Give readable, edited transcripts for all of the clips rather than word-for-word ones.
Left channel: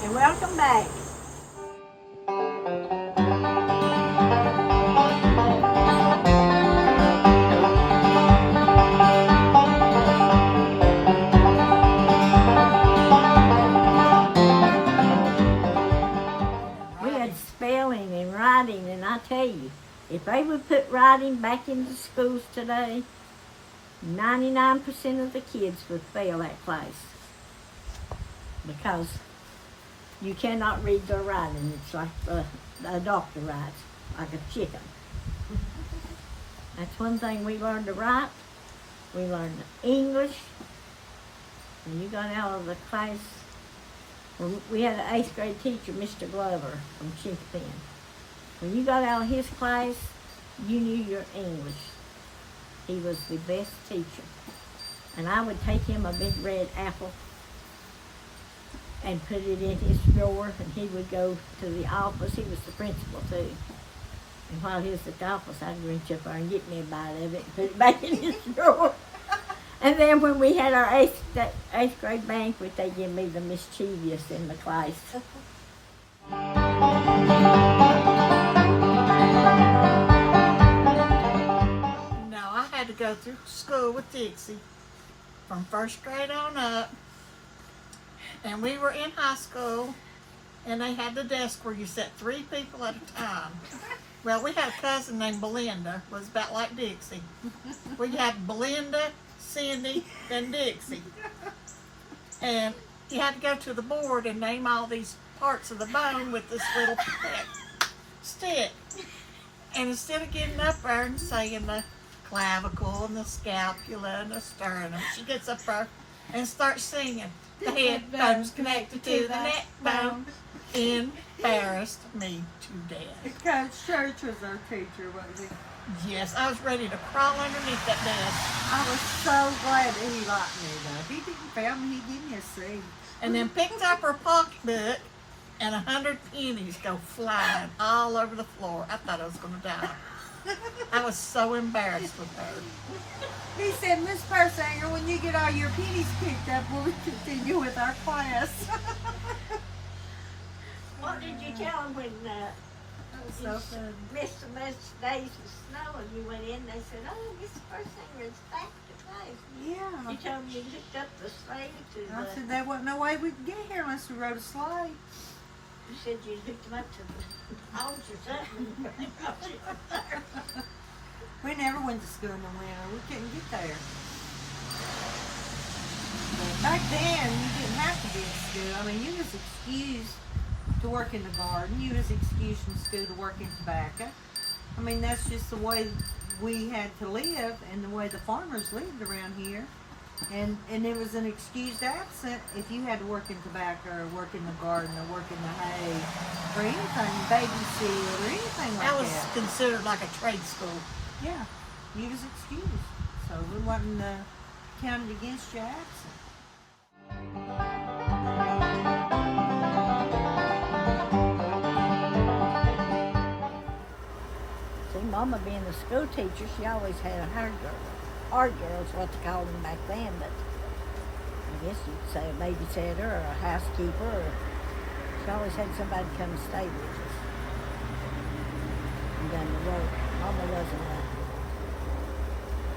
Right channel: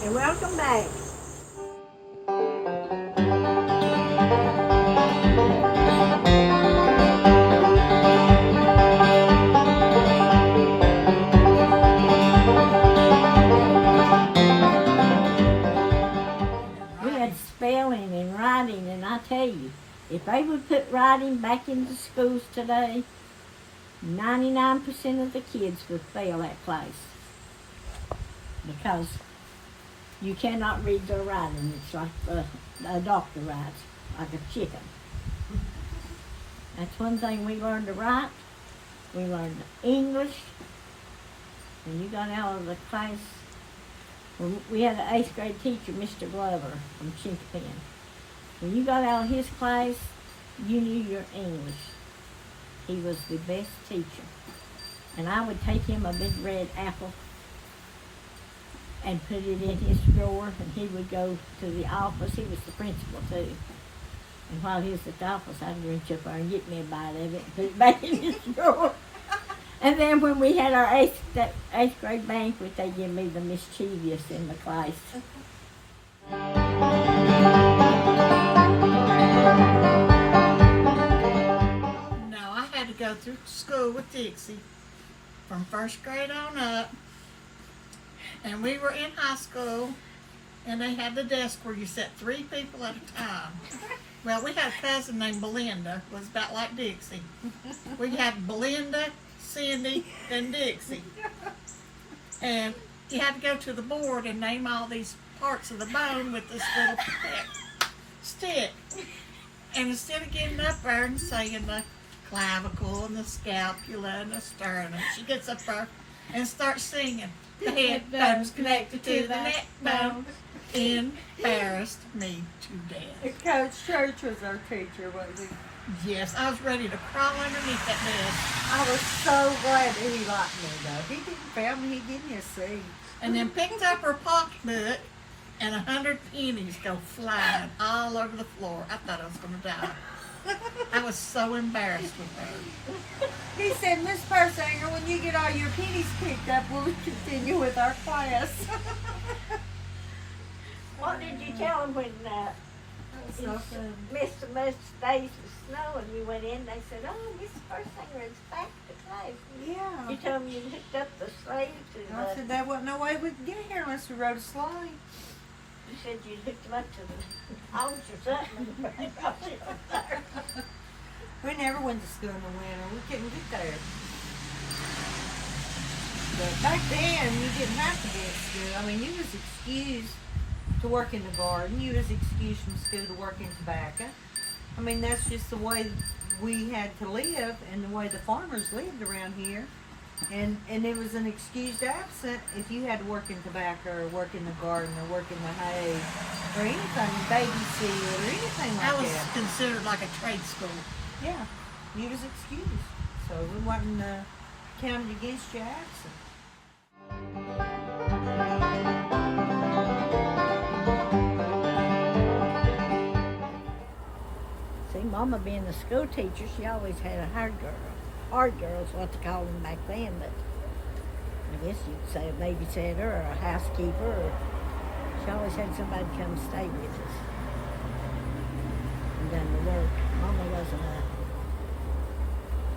And welcome back. We had spelling and writing, and I tell you, if they would put writing back into schools today, 99% of the kids would fail that class. Because you cannot read or writing. It's like a doctor writes, like a chicken. That's one thing we learned to write. We learned English. When you got out of the class, we had an 8th grade teacher, Mr. Glover from Chinkapin. When you got out of his class, you knew your English. He was the best teacher. And I would take him a big red apple and put it in his drawer, and he would go to the office. He was the principal too. And while he was at the office, I'd reach up there and get me a bite of it and put it back in his drawer. And then when we had our 8th grade banquet, they give me the mischievous in the class. No, I had to go through school with Dixie from 1st grade on up. And we were in high school, and they had the desk where you sat 3 people at a time. Well, we had a cousin named Belinda, was about like Dixie. We had Belinda, Cindy, and Dixie. And you had to go to the board and name all these parts of the bone with this little stick. And instead of getting up there and saying the clavicle and the scapula and the sternum, she gets up there and starts singing. The head bone's connected to the neck bone. Embarrassed me to death. Coach Church was our teacher, wasn't he? Yes, I was ready to crawl underneath that desk. I was so glad that he liked me, though. He didn't fail me, he gave me a C. And then picked up her pocketbook, and 100 pennies go flying all over the floor. I thought I was going to die. I was so embarrassed with her. He said, Miss Persinger, when you get all your pennies picked up, we'll continue with our class. What did you tell them when missed so much days with snow and you went in? They said, "Oh, Miss Persinger is back to class." Yeah. You told them you hooked up the sleigh to I said, there wasn't no way we could get here unless we rode a sleigh. You said you hooked them up to the homes or something. We never went to school in the winter. We couldn't get there. But back then, you didn't have to be at school. I mean, you was excused to work in the garden. You was excused from school to work in tobacco. I mean, that's just the way we had to live and the way the farmers lived around here. And it was an excused absent if you had to work in tobacco or work in the garden or work in the hay or anything, babysit or anything like that. That was considered like a trade school. Yeah, you was excused. So we wasn't counted against your absent. See, Mama being a school teacher, she always had a hard girl. Hard girl is what they called them back then, but I guess you'd say a babysitter or a housekeeper, or she always had somebody come and stay with us and done the work. Mama wasn't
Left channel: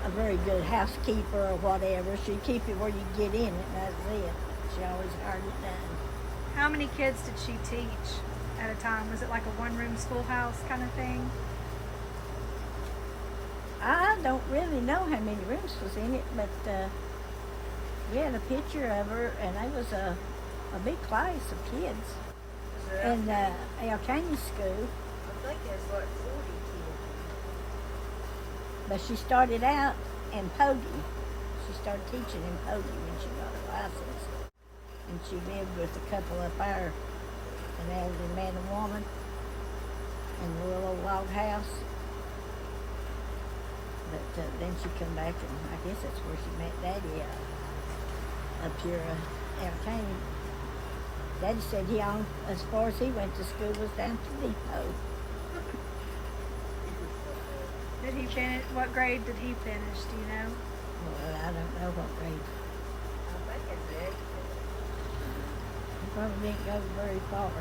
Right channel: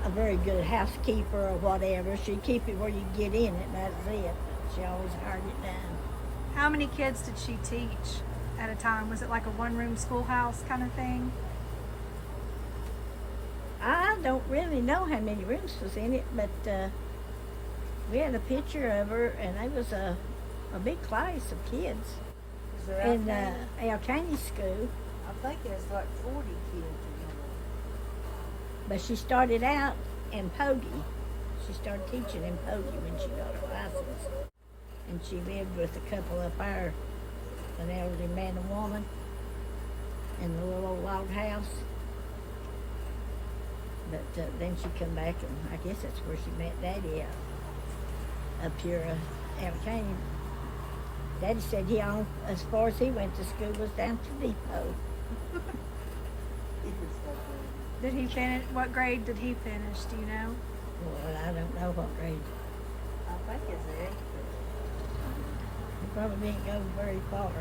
a very good housekeeper or whatever. She'd keep it where you get in it, and that's it. But she always hired it done. How many kids did she teach at a time? Was it like a one-room schoolhouse kind of thing? I don't really know how many rooms was in it, but we had a picture of her, and there was a big class of kids in El Canyon School. I think there's like 40. But she started out in Pogey. She started teaching in Pogey when she got her license. And she lived with a couple up there, an elderly man and woman, in the little old log house. But then she come back, and I guess that's where she met Daddy up here out Canyon. Daddy said he only, as far as he went to school, was down to Depot. Did he finish? What grade did he finish? Do you know? Well, I don't know what grade. I think it did. He probably didn't go very far.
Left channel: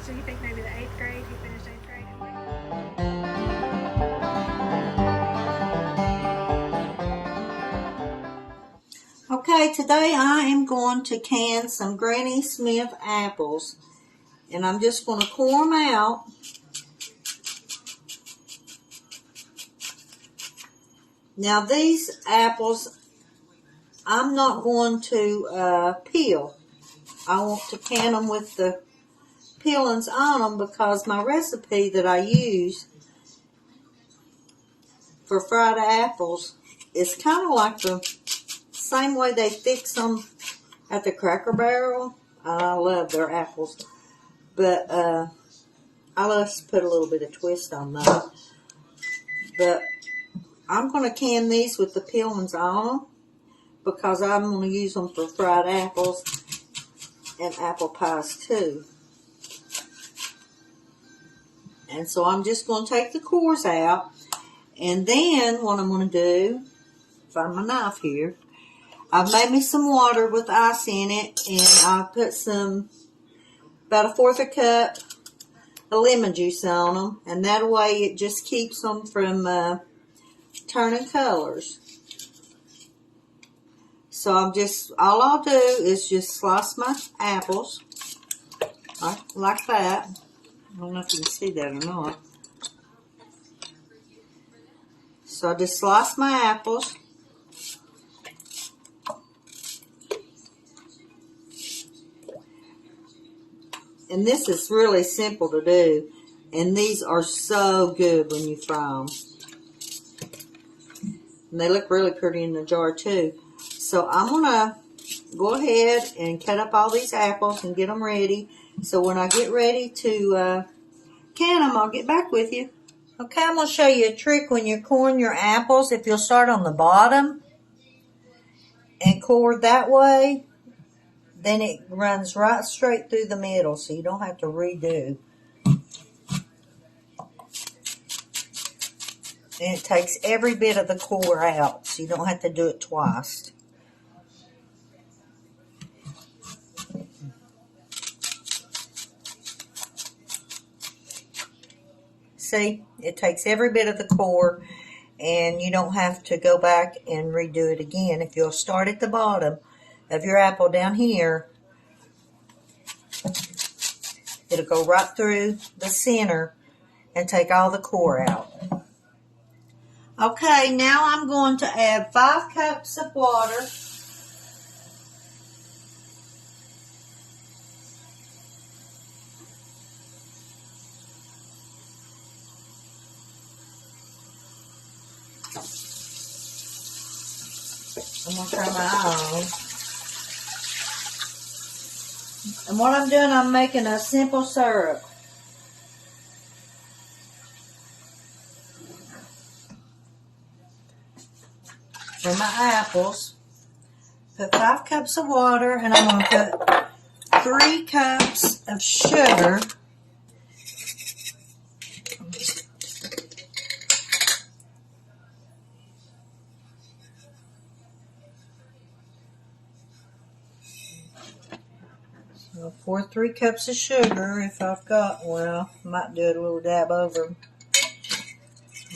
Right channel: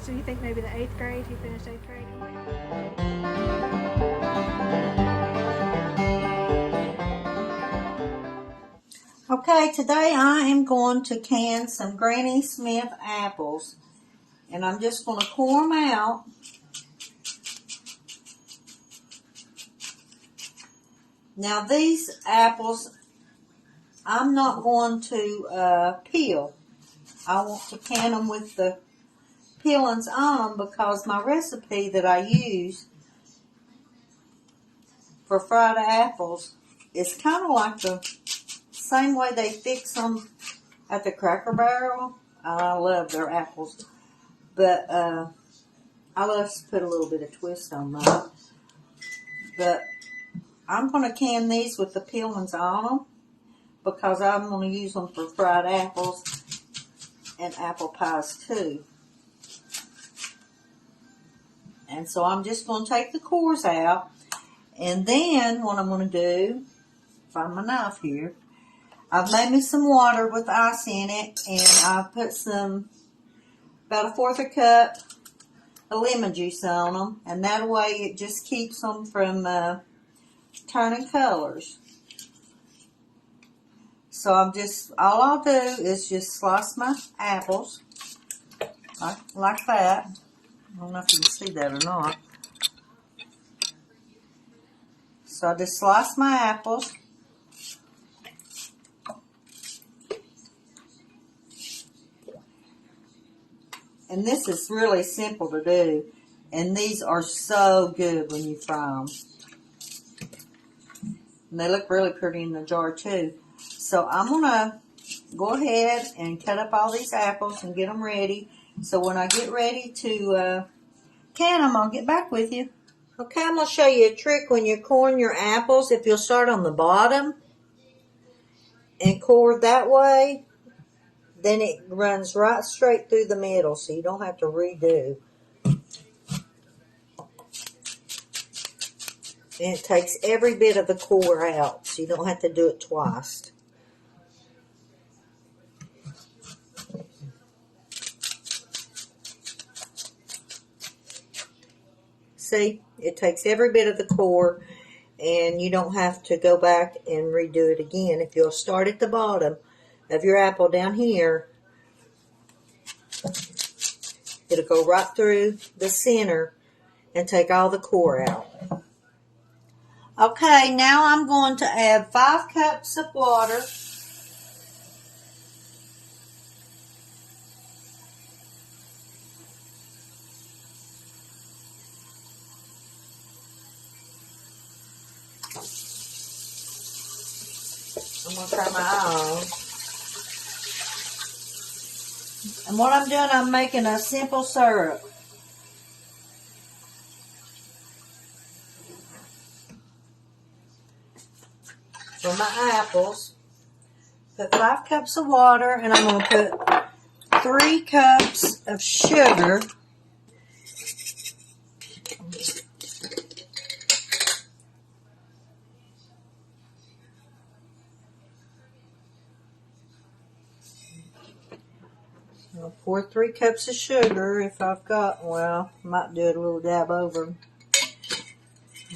So you think maybe the 8th grade? He finished 8th grade? Okay, today I am going to can some Granny Smith apples. And I'm just going to core them out. Now these apples, I'm not going to peel. I want to can them with the peelings on them because my recipe that I use for fried apples is kind of like the same way they fix them at the Cracker Barrel. I love their apples, but I love to put a little bit of twist on them. But I'm going to can these with the peelings on them because I'm going to use them for fried apples and apple pies too. And so I'm just going to take the cores out, and then what I'm going to do, find my knife here, I've made me some water with ice in it, and I've put about 1/4 cup of lemon juice on them, and that way it just keeps them from turning colors. So all I'll do is just slice my apples like that. I don't know if you can see that or not. So I just slice my apples. And this is really simple to do. And these are so good when you fry them. And they look really pretty in the jar too. So I'm going to go ahead and cut up all these apples and get them ready. So when I get ready to can them, I'll get back with you. Okay, I'm going to show you a trick when you're coring your apples. If you'll start on the bottom and core that way, then it runs right straight through the middle, so you don't have to redo. And it takes every bit of the core out, so you don't have to do it twice. See, it takes every bit of the core, and you don't have to go back and redo it again. If you'll start at the bottom of your apple down here, it'll go right through the center and take all the core out. Okay, now I'm going to add 5 cups of water. I'm going to turn my eye on. And what I'm doing, I'm making a simple syrup. For my apples, put 5 cups of water, and I'm going to put 3 cups of sugar. I'll pour 3 cups of sugar if I've got, well, I might do it a little dab over. I'm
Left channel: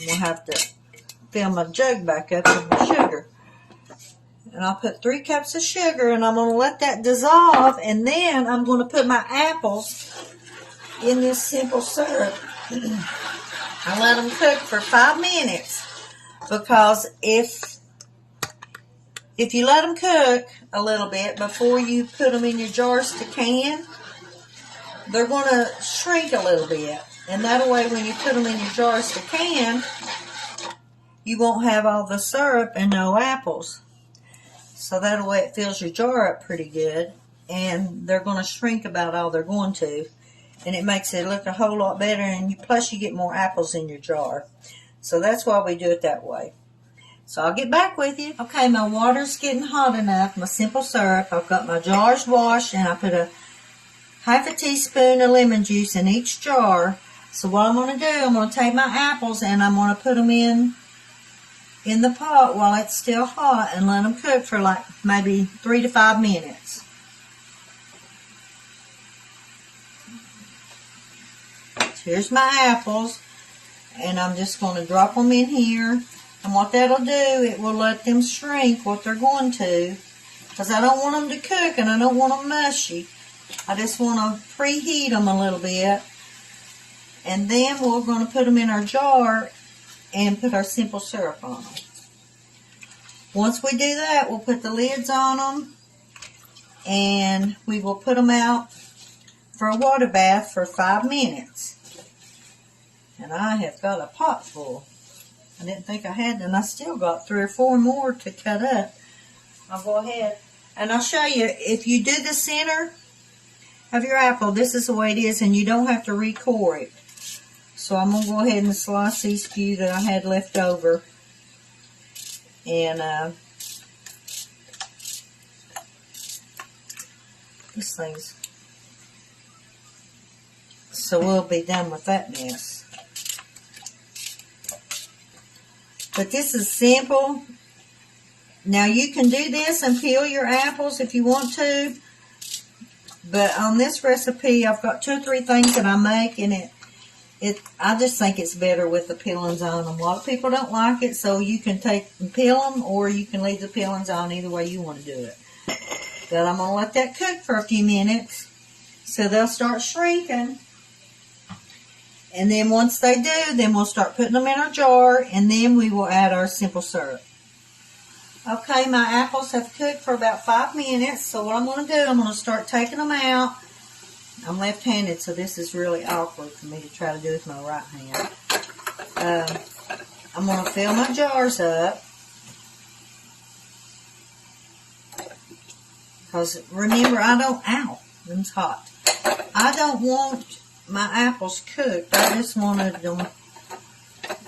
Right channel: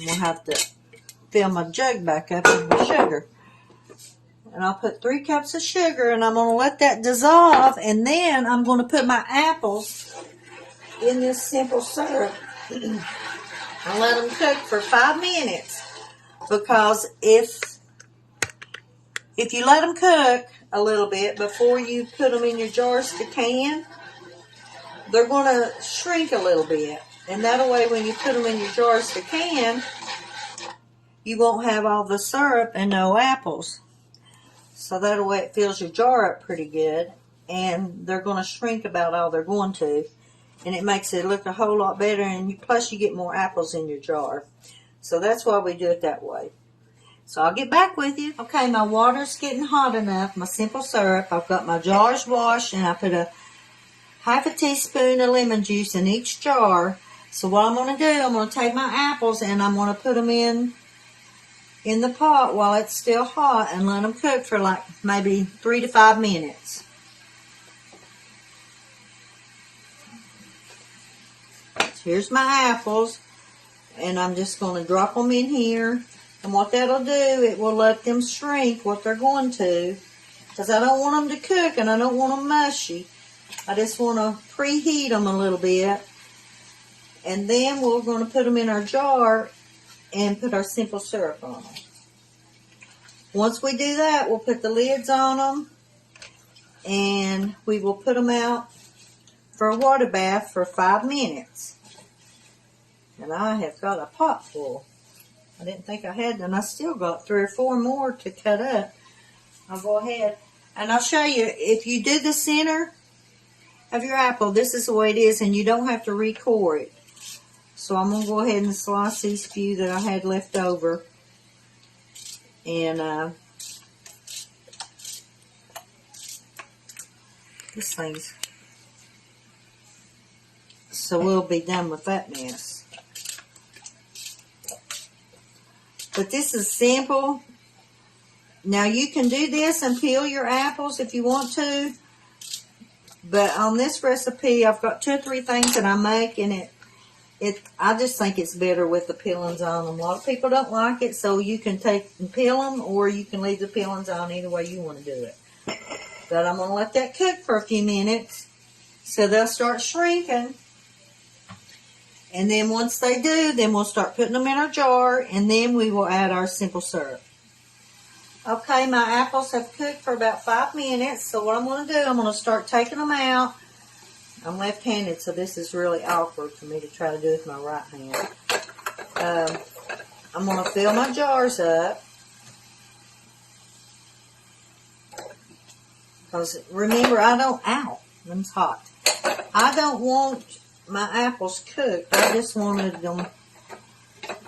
going to have to fill my jug back up with the sugar. And I'll put 3 cups of sugar, and I'm going to let that dissolve, and then I'm going to put my apples in this simple syrup and let them cook for 5 minutes. Because if you let them cook a little bit before you put them in your jars to can, they're going to shrink a little bit. And that way, when you put them in your jars to can, you won't have all the syrup and no apples. So that way it fills your jar up pretty good, and they're going to shrink about all they're going to, and it makes it look a whole lot better, and plus you get more apples in your jar. So that's why we do it that way. So I'll get back with you. Okay, my water's getting hot enough, my simple syrup. I've got my jars washed, and I put a half a teaspoon of lemon juice in each jar. So what I'm going to do, I'm going to take my apples and I'm going to put them in the pot while it's still hot and let them cook for like maybe 3 to 5 minutes. Here's my apples, and I'm just going to drop them in here. And what that'll do, it will let them shrink what they're going to, because I don't want them to cook and I don't want them mushy. I just want to preheat them a little bit. And then we're going to put them in our jar and put our simple syrup on them. Once we do that, we'll put the lids on them, and we will put them out for a water bath for 5 minutes. And I have got a pot full. I didn't think I had, and I still got 3 or 4 more to cut up. I'll go ahead and I'll show you. If you do the center of your apple, this is the way it is, and you don't have to re-core it. So I'm going to go ahead and slice these few that I had left over. And this thing's, so we'll be done with that mess. But this is simple. Now you can do this and peel your apples if you want to. But on this recipe, I've got 2 or 3 things that I make, and I just think it's better with the peelings on them. A lot of people don't like it, so you can take and peel them, or you can leave the peelings on, either way you want to do it. But I'm going to let that cook for a few minutes, so they'll start shrinking. And then once they do, then we'll start putting them in our jar, and then we will add our simple syrup. Okay, my apples have cooked for about 5 minutes, so what I'm going to do, I'm going to start taking them out. I'm left-handed, so this is really awkward for me to try to do with my right hand. I'm going to fill my jars up. Because remember, them's hot. I don't want my apples cooked. I just wanted them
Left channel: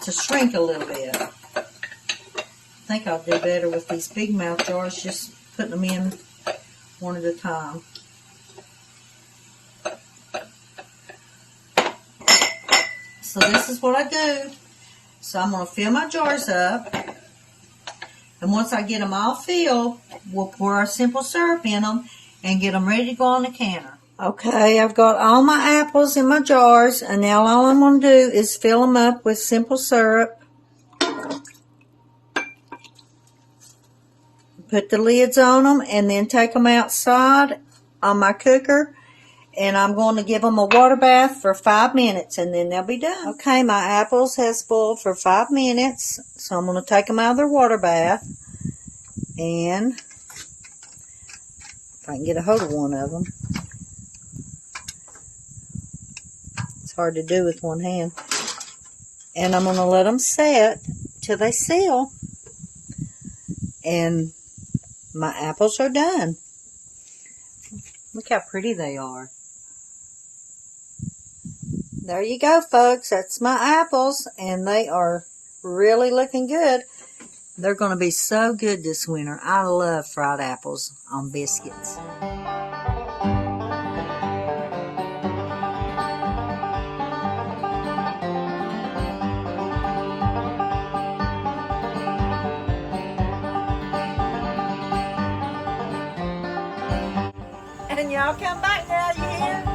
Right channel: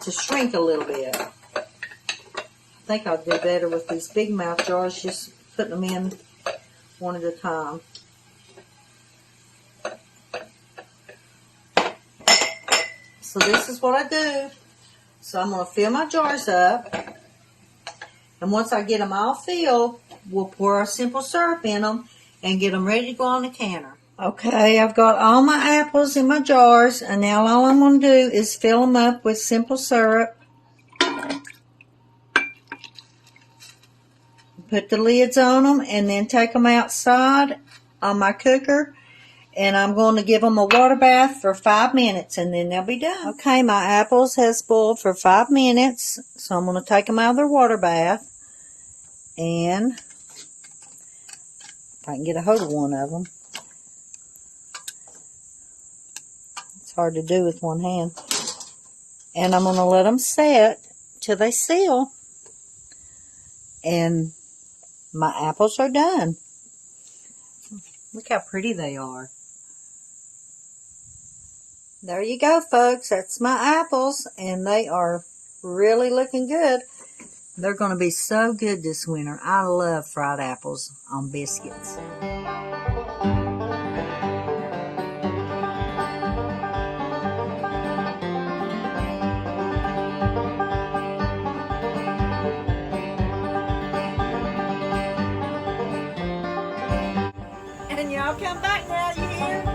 to shrink a little bit. I think I'll do better with these big mouth jars, just putting them in one at a time. So this is what I do. So I'm going to fill my jars up. And once I get them all filled, we'll pour our simple syrup in them and get them ready to go on the counter. Okay, I've got all my apples in my jars, and now all I'm going to do is fill them up with simple syrup. Put the lids on them, and then take them outside on my cooker. And I'm going to give them a water bath for 5 minutes, and then they'll be done. Okay, my apples has boiled for 5 minutes, so I'm going to take them out of their water bath. And if I can get a hold of one of them. It's hard to do with one hand. And I'm going to let them set till they seal. And my apples are done. Look how pretty they are. There you go, folks. That's my apples, and they are really looking good. They're going to be so good this winter. I love fried apples on biscuits. And y'all come back now, you hear?